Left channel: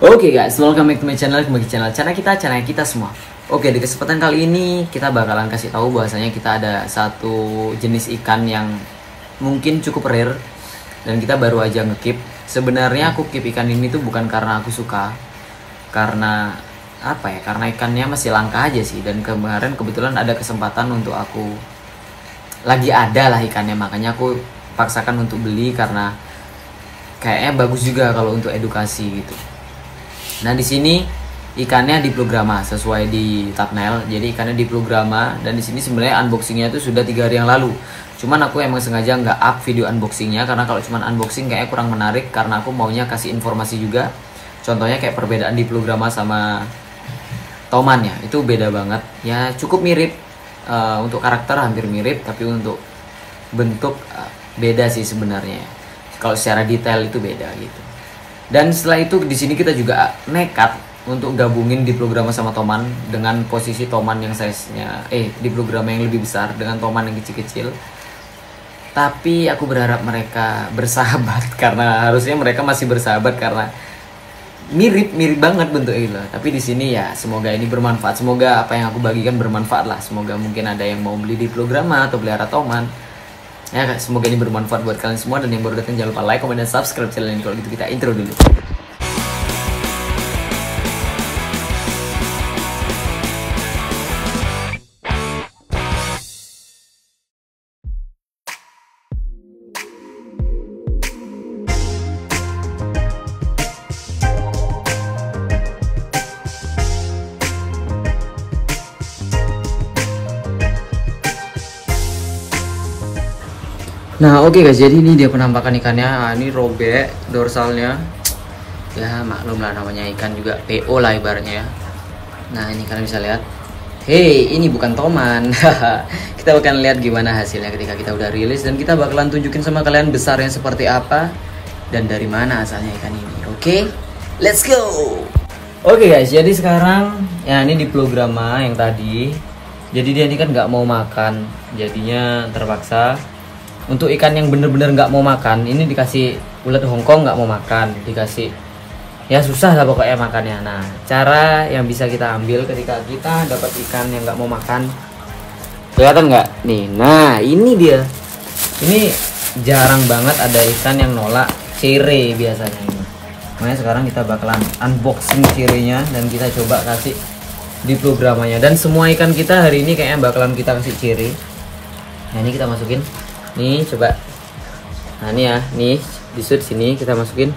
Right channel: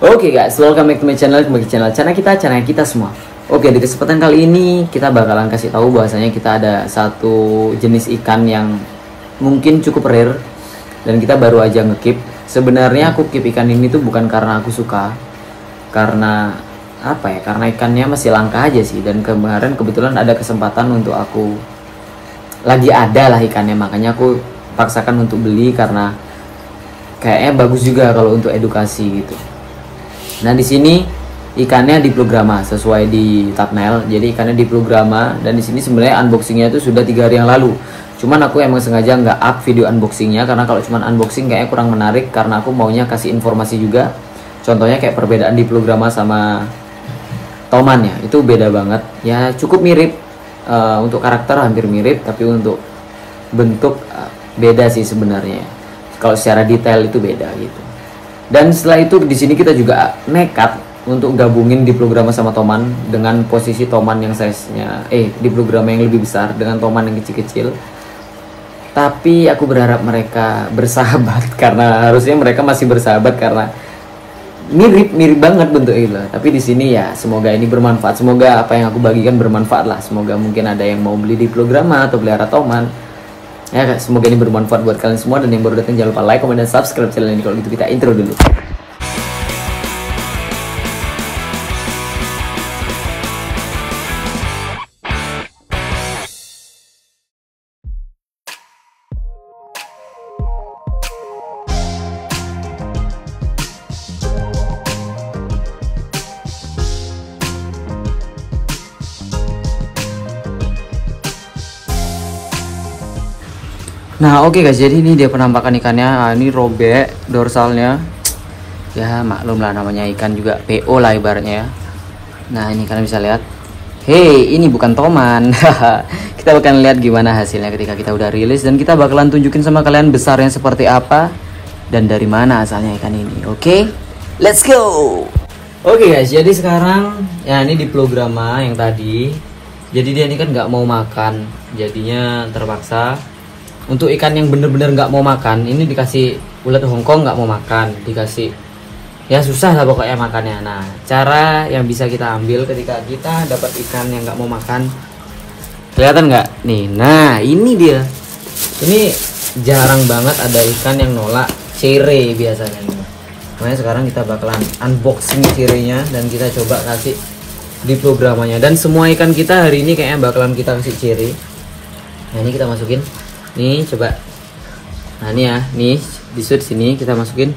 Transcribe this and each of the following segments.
Oke guys, welcome back to my channel, kembali ke channel kita semua. Oke, di kesempatan kali ini kita bakalan kasih tahu bahwasanya kita ada satu jenis ikan yang mungkin cukup rare dan kita baru aja ngekip. Sebenarnya aku keep ikan ini tuh bukan karena aku suka, karena apa ya? Karena ikannya masih langka aja sih. Dan kemarin kebetulan ada kesempatan untuk aku lagi ada lah ikannya, makanya aku paksakan untuk beli karena kayaknya bagus juga kalau untuk edukasi gitu. Nah di sini ikannya diplograma sesuai di thumbnail. Jadi ikannya diplograma dan di sini sebenarnya unboxingnya itu sudah 3 hari yang lalu. Cuman aku emang sengaja nggak up video unboxingnya karena kalau cuman unboxing kayaknya kurang menarik, karena aku maunya kasih informasi juga. Contohnya kayak perbedaan diplograma sama toman ya, itu beda banget. Ya cukup mirip, untuk karakter hampir mirip, tapi untuk bentuk beda sih sebenarnya. Kalau secara detail itu beda gitu. Dan setelah itu di sini kita juga nekat untuk gabungin diplograma sama toman dengan posisi toman yang size-nya diplograma yang lebih besar dengan toman yang kecil-kecil. Tapi aku berharap mereka bersahabat karena harusnya mereka masih bersahabat karena mirip banget bentuknya gitu. Tapi di sini ya semoga ini bermanfaat. Semoga apa yang aku bagikan bermanfaat lah. Semoga mungkin ada yang mau beli diplograma atau pelihara toman. Ya, semoga ini bermanfaat buat kalian semua, dan yang baru datang jangan lupa like, comment, dan subscribe channel ini. Kalau gitu kita intro dulu. Nah oke guys, jadi ini dia penampakan ikannya. Nah, ini robek dorsalnya. Ya maklum lah, namanya ikan juga PO lah ibaratnya ya. Nah ini kalian bisa lihat. Hey, ini bukan toman. Kita bakalan lihat gimana hasilnya ketika kita udah rilis, dan kita bakalan tunjukin sama kalian besarnya seperti apa dan dari mana asalnya ikan ini. Oke, let's go. Oke guys, jadi sekarang ya ini diplograma yang tadi. Jadi dia ini kan nggak mau makan, jadinya terpaksa. Untuk ikan yang bener-bener nggak mau makan, ini dikasih ulat Hongkong nggak mau makan, dikasih ya susah lah pokoknya makannya. Nah cara yang bisa kita ambil ketika kita dapat ikan yang nggak mau makan, kelihatan nggak nih? Nah ini dia, ini jarang banget ada ikan yang nolak cere biasanya. Makanya sekarang kita bakalan unboxing cerenya dan kita coba kasih diplogramanya. Dan semua ikan kita hari ini kayaknya bakalan kita kasih cere. Nah ini kita masukin. Nih coba. Nah ini ya, nih disut sini kita masukin.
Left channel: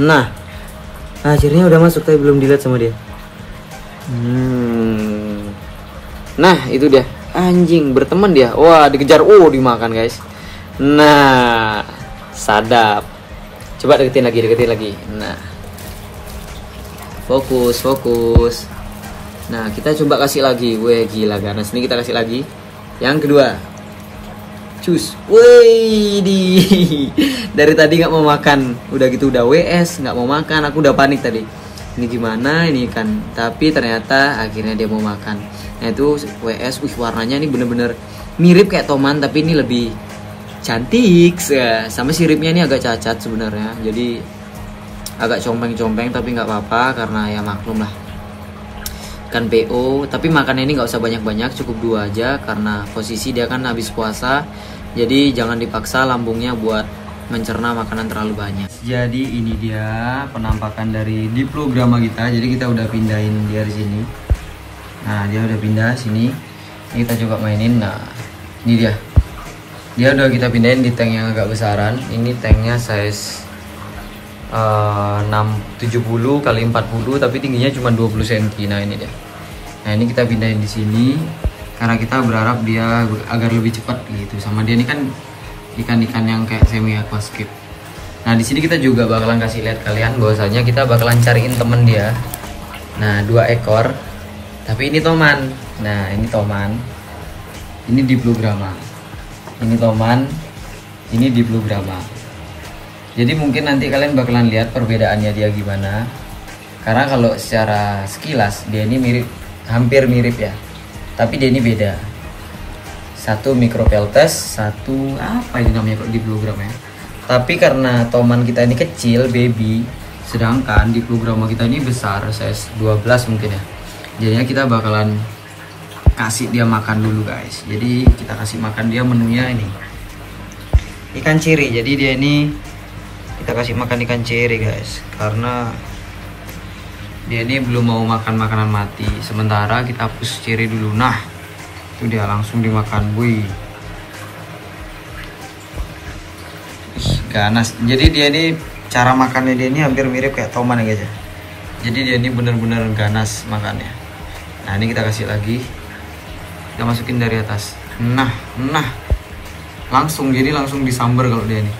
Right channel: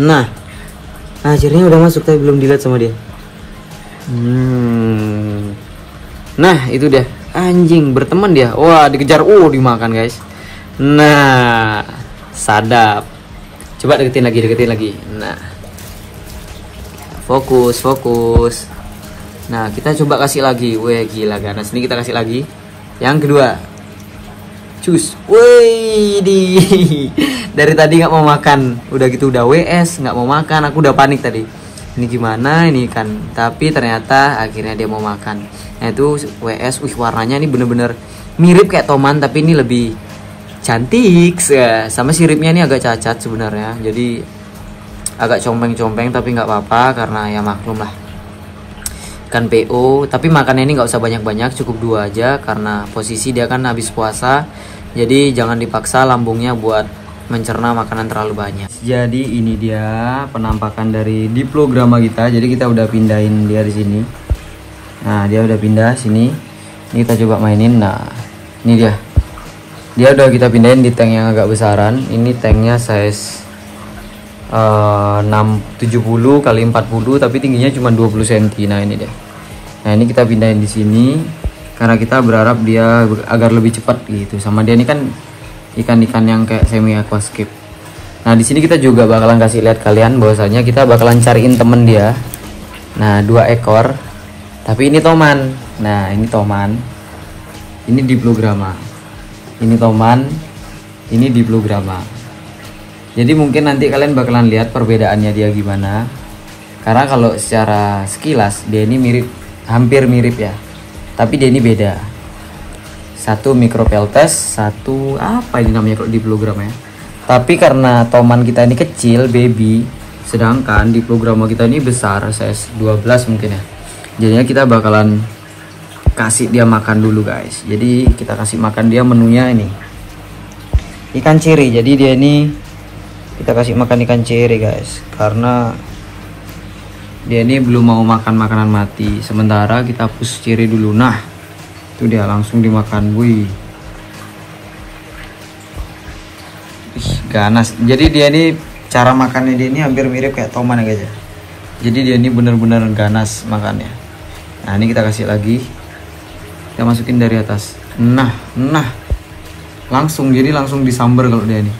Nah akhirnya udah masuk tapi belum dilihat sama dia. Nah itu dia, anjing berteman dia. Wah dikejar, dimakan guys. Nah sadap. Coba deketin lagi. Nah fokus. Nah kita coba kasih lagi. Weh gila ganas. Ini kita kasih lagi. Yang kedua. Wih, dari tadi nggak mau makan, udah gitu udah WS nggak mau makan, aku udah panik tadi. Ini gimana ini kan? Tapi ternyata akhirnya dia mau makan. Nah itu WS, warnanya ini bener-bener mirip kayak toman, tapi ini lebih cantik. Sama siripnya ini agak cacat sebenarnya, jadi agak compeng-compeng, tapi nggak apa-apa karena ya maklum lah. Ikan PO, tapi makannya ini nggak usah banyak-banyak, cukup 2 aja karena posisi dia kan habis puasa, jadi jangan dipaksa lambungnya buat mencerna makanan terlalu banyak. Jadi ini dia penampakan dari diplograma kita. Jadi kita udah pindahin dia di sini. Nah dia udah pindah sini. Ini kita coba mainin. Nah ini dia udah kita pindahin di tank yang agak besaran. Ini tanknya size 670 kali 40, tapi tingginya cuma 20 cm. Nah ini dia. Nah ini kita pindahin di sini karena kita berharap dia agar lebih cepat gitu. Sama dia ini kan ikan-ikan yang kayak semi aquascape. Nah di sini kita juga bakalan kasih lihat kalian bahwasanya kita bakalan cariin temen dia. Nah 2 ekor, tapi ini toman. Nah ini toman, ini diplograma. Ini toman, ini diplograma. Jadi mungkin nanti kalian bakalan lihat perbedaannya dia gimana. Karena kalau secara sekilas dia ini hampir mirip ya. Tapi dia ini beda. Satu micropeltes, satu apa ini namanya kok diplograma ya. Tapi karena toman kita ini kecil, baby, Sedangkan di program kita ini besar, size 12 mungkin ya. Jadinya kita bakalan kasih dia makan dulu guys. Jadi kita kasih makan dia, menunya ini ikan ceri. Jadi dia ini kita kasih makan ikan ceri guys, karena dia ini belum mau makan makanan mati. Sementara kita push ceri dulu. Nah itu dia langsung dimakan. Wih, ganas. Jadi dia ini cara makannya dia ini hampir mirip kayak toman ya guys ya. Jadi dia ini bener-bener ganas makannya. Nah ini kita kasih lagi, kita masukin dari atas. Nah langsung, jadi langsung disambar kalau dia ini.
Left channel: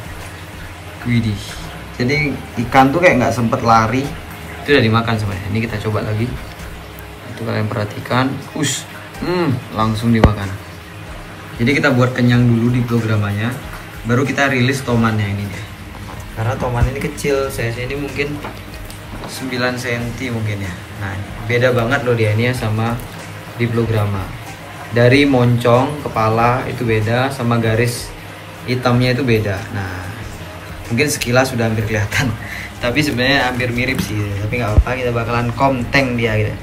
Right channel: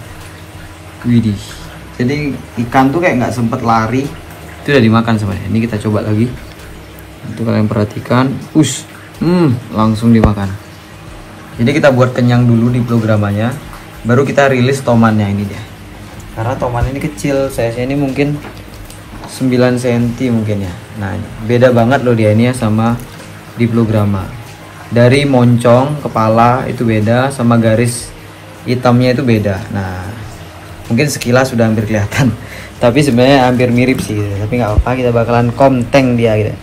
Widih, jadi ikan tuh kayak nggak sempet lari, itu udah dimakan sebenarnya. Ini kita coba lagi, itu kalian perhatikan, langsung dimakan. Jadi kita buat kenyang dulu di programnya, baru kita rilis tomannya ini ya. Karena toman ini kecil, saya ini mungkin 9 cm mungkin ya. Nah beda banget loh dia ini ya sama diplograma. Dari moncong kepala itu beda, sama garis hitamnya itu beda. Nah mungkin sekilas sudah hampir kelihatan, tapi sebenarnya hampir mirip sih. Tapi nggak apa-apa, kita bakalan konteng dia gitu.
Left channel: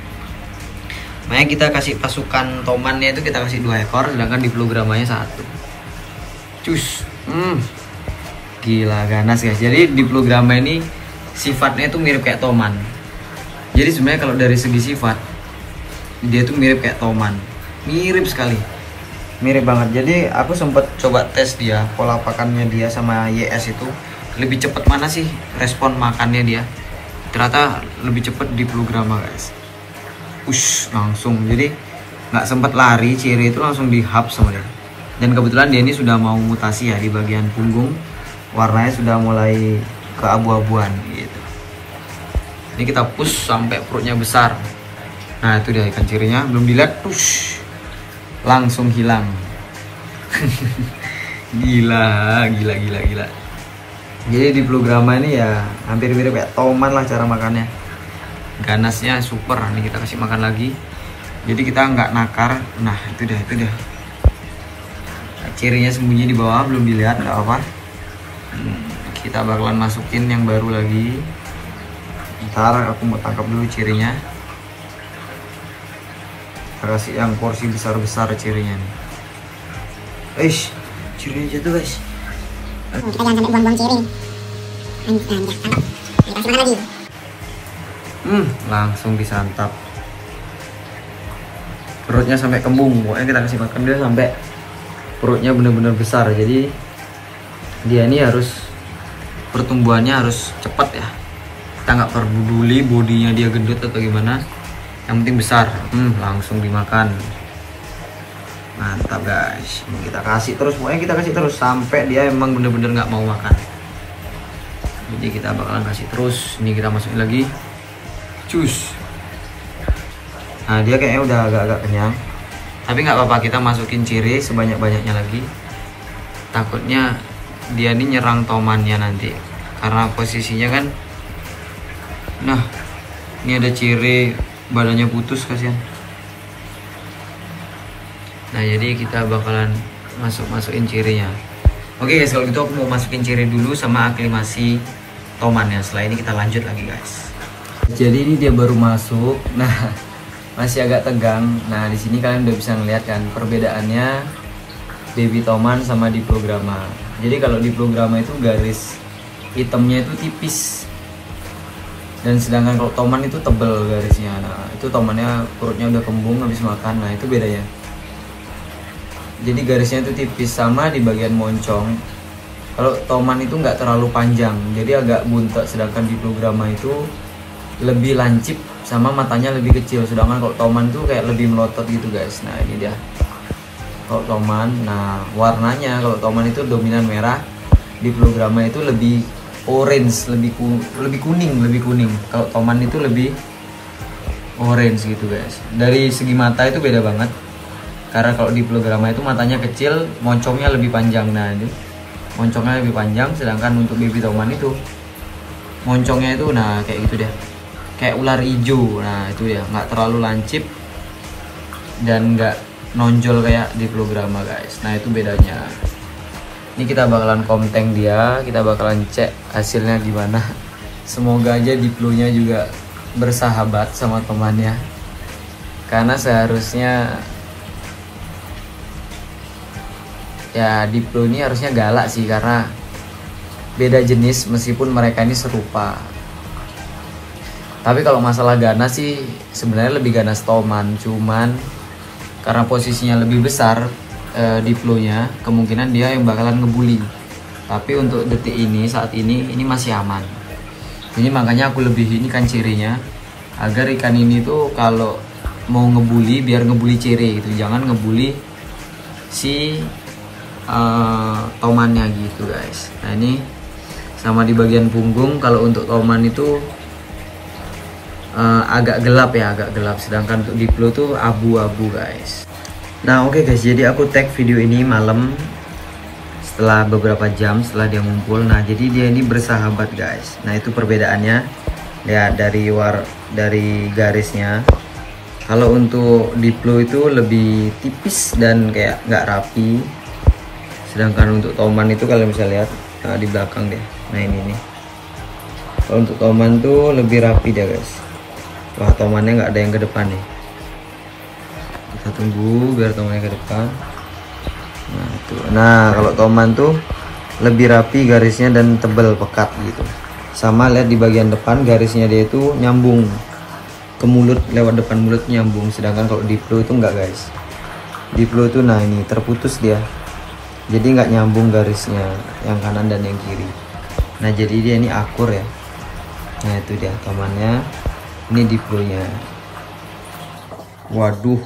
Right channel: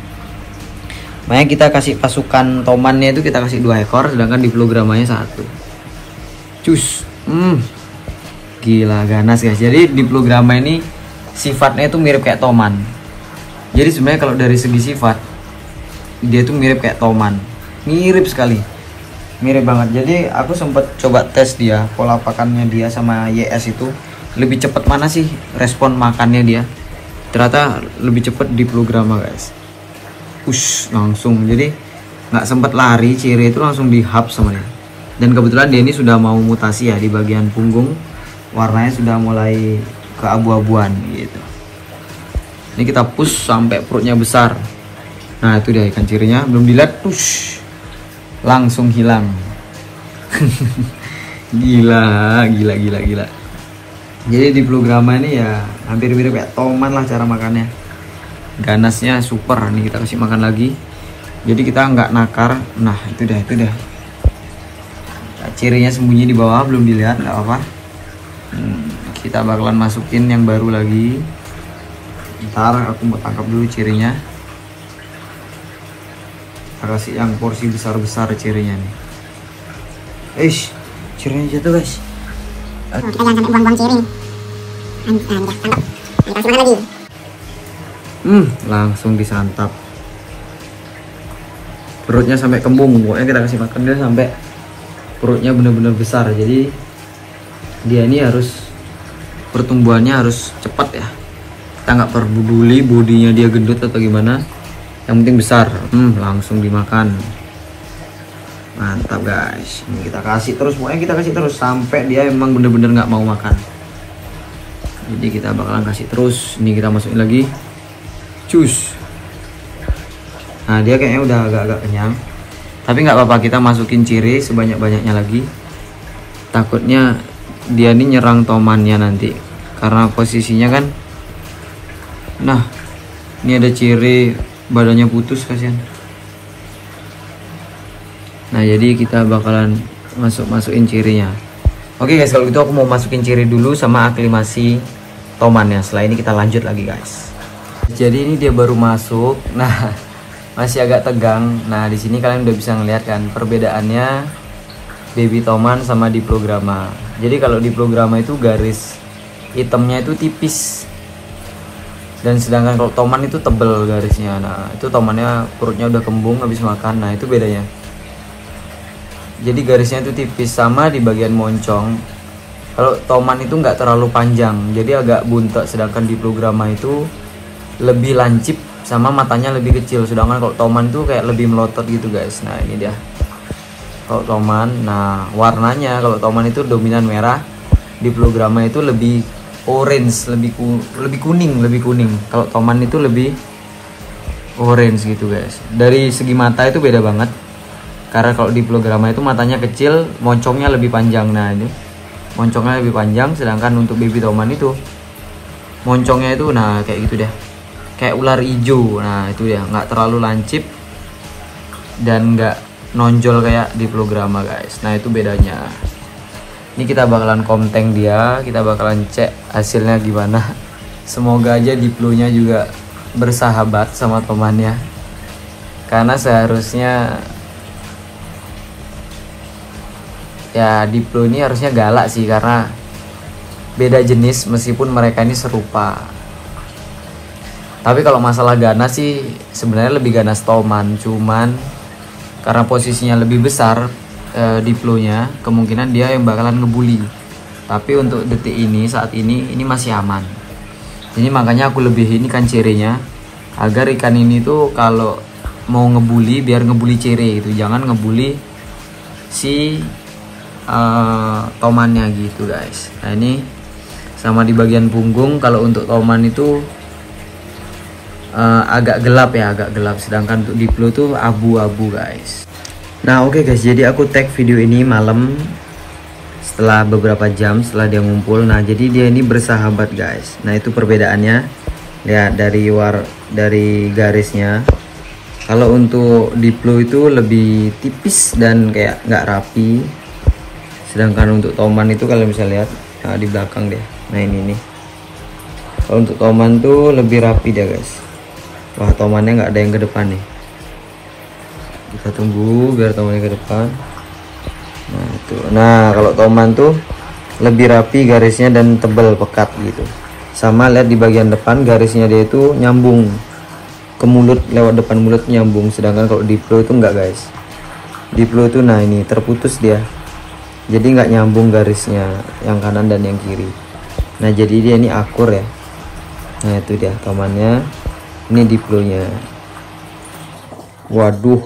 Makanya kita kasih pasukan tomannya itu kita kasih 2 ekor, sedangkan diplogramanya 1. Cus, gila ganas guys. Jadi diplograma ini sifatnya itu mirip kayak toman. Jadi sebenarnya kalau dari segi sifat dia tuh mirip kayak toman, mirip sekali, mirip banget. Jadi aku sempat coba tes dia, pola pakannya dia sama YS itu lebih cepat mana sih respon makannya dia. Ternyata lebih cepat diplograma guys. Langsung, jadi nggak sempat lari, ciri itu langsung dihap sama dia. Dan kebetulan dia ini sudah mau mutasi ya di bagian punggung, warnanya sudah mulai keabu-abuan gitu. Ini kita push sampai perutnya besar. Nah itu dia ikan cirinya, belum dilihat, langsung hilang. gila. Jadi di diplograma ini ya hampir mirip kayak toman lah cara makannya. Ganasnya super. Ini kita kasih makan lagi. Jadi kita nggak nakar. Nah itu dah. Nah, cirinya sembunyi di bawah, belum dilihat, nggak apa-apa. Kita bakalan masukin yang baru lagi. Ntar aku mau tangkap dulu cirinya. Kita kasih yang porsi besar-besar cirinya nih. Cirinya jatuh guys. Kita jangan sampai buang-buang ciri. Kita kasih makan lagi. Langsung disantap. Perutnya sampai kembung. Pokoknya kita kasih makan dia sampai perutnya benar-benar besar. Jadi dia ini harus, pertumbuhannya harus cepat ya. Kita nggak peduli bodinya dia gendut atau gimana, yang penting besar. Langsung dimakan. Mantap guys. Ini kita kasih terus, pokoknya kita kasih terus sampai dia emang bener-bener nggak mau makan. Jadi kita bakalan kasih terus. Ini kita masukin lagi. Nah dia kayaknya udah agak-agak kenyang, tapi nggak apa-apa, kita masukin ciri sebanyak-banyaknya lagi. Takutnya dia ini nyerang tomannya nanti, karena posisinya kan. Nah ini ada ciri badannya putus, kasihan. Nah jadi kita bakalan masukin cirinya. Oke guys, kalau gitu aku mau masukin ciri dulu sama aklimasi tomannya. Setelah ini kita lanjut lagi guys. Jadi ini dia baru masuk. Nah masih agak tegang. Nah di sini kalian udah bisa ngeliat kan perbedaannya baby toman sama diplograma. Jadi kalau diplograma itu garis hitamnya itu tipis, dan sedangkan kalau toman itu tebel garisnya. Nah itu tomannya perutnya udah kembung habis makan. Nah itu bedanya. Jadi garisnya itu tipis. Sama di bagian moncong, kalau toman itu nggak terlalu panjang, jadi agak buntet. Sedangkan diplograma itu lebih lancip, sama matanya lebih kecil. Sedangkan kalau toman tuh kayak lebih melotot gitu guys. Nah ini dia kalau toman. Nah warnanya kalau toman itu dominan merah, diplograma itu lebih orange, lebih kuning. Kalau toman itu lebih orange gitu guys. Dari segi mata itu beda banget, karena kalau diplograma itu matanya kecil, moncongnya lebih panjang. Nah ini moncongnya lebih panjang, sedangkan untuk baby toman itu moncongnya itu nah kayak gitu deh, kayak ular hijau. Nah itu ya, nggak terlalu lancip dan nggak nonjol kayak diplograma guys. Nah itu bedanya. Ini kita bakalan konteng dia, kita bakalan cek hasilnya gimana. Semoga aja Diplo-nya juga bersahabat sama temannya, karena seharusnya ya Diplo ini harusnya galak sih, karena beda jenis meskipun mereka ini serupa. Tapi kalau masalah ganas sih sebenarnya lebih ganas Toman, cuman karena posisinya lebih besar Diplo-nya, kemungkinan dia yang bakalan ngebully. Tapi untuk detik ini, saat ini masih aman. Ini makanya aku lebihin ikan cirinya, agar ikan ini tuh kalau mau ngebully biar ngebully ciri gitu, jangan ngebully si tomannya gitu guys. Nah ini sama di bagian punggung, kalau untuk toman itu agak gelap ya, agak gelap, sedangkan untuk Diplo tuh abu-abu guys. Nah oke guys, jadi aku tag video ini malam setelah beberapa jam setelah dia ngumpul. Nah jadi dia ini bersahabat guys. Nah itu perbedaannya ya, dari garisnya. Kalau untuk Diplo itu lebih tipis dan kayak nggak rapi, sedangkan untuk Toman itu kalau misalnya lihat di belakang deh, nah ini nih, kalau untuk Toman tuh lebih rapi dia guys. Wah, Tomannya nggak ada yang ke depan nih, kita tunggu biar Tomannya ke depan. Nah tuh, nah kalau Toman tuh lebih rapi garisnya dan tebal pekat gitu. Sama lihat di bagian depan garisnya dia itu nyambung ke mulut, lewat depan mulut nyambung, sedangkan kalau Diplo itu enggak guys. Diplo tuh nah ini terputus dia, jadi nggak nyambung garisnya yang kanan dan yang kiri. Nah jadi dia ini akur ya. Nah itu dia Tomannya, ini Diplo-nya. Waduh,